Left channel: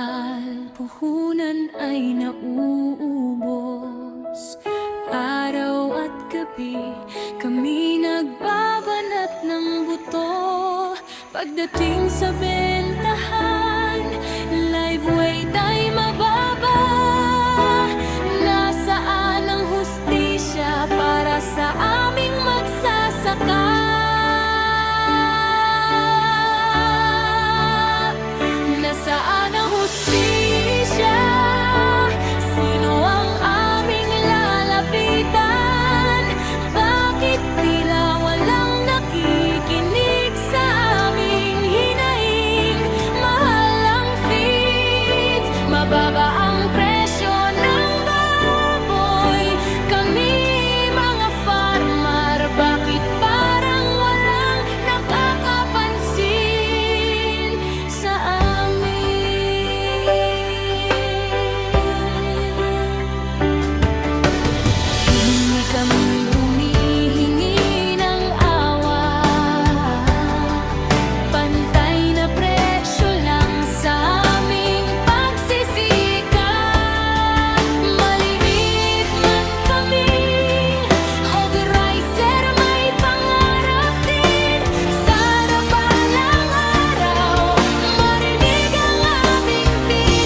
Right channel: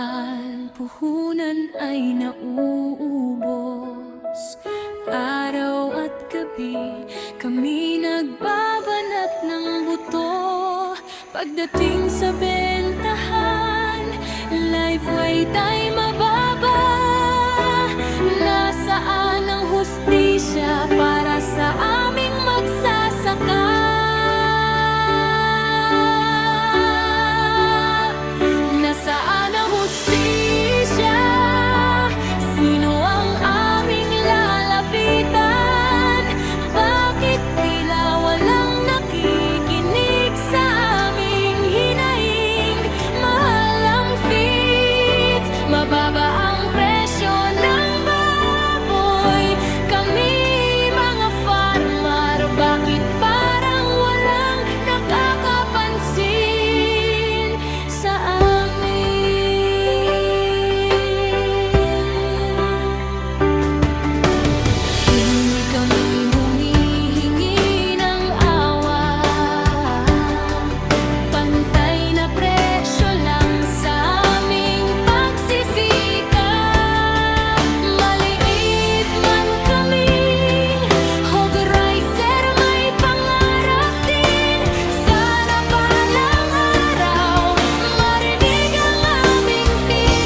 mahal, puhunan ay nauubos. Araw at gabi, kami nagbabanat ng buto. Pagdating sa bentahan, live weight ay mababa. Nasaan ang hustisya para sa aming magsasaka? Nasaan ang hustisya? Sino ang aming lalapitan? Bakit tila walang nakikinig sa aming hinaing? Mahal ang feeds, mababa ang presyo ng baboy. Kami mga farmer, bakit parang walang nakakapansin sa kami humihingi ng awa. Pantay na presyo lang sa aming pagsisikap. Maliit man kaming hog riser, may pangarap din. Sana balang araw marinig ang aming tinig.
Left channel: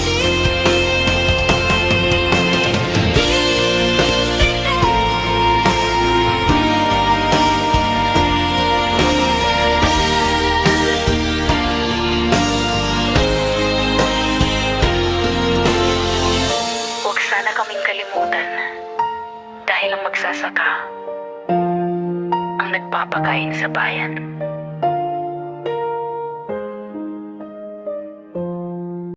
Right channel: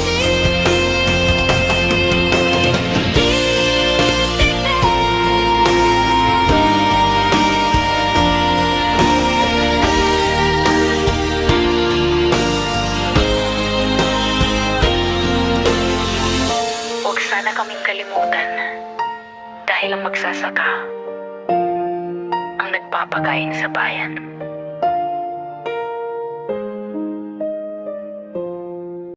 Huwag sana kaming kalimutan dahil ang magsasaka ang nagpapakain sa bayan.